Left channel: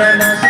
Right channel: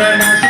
Internacional.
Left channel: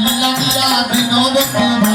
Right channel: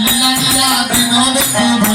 Thank mm -hmm. you. Mm -hmm.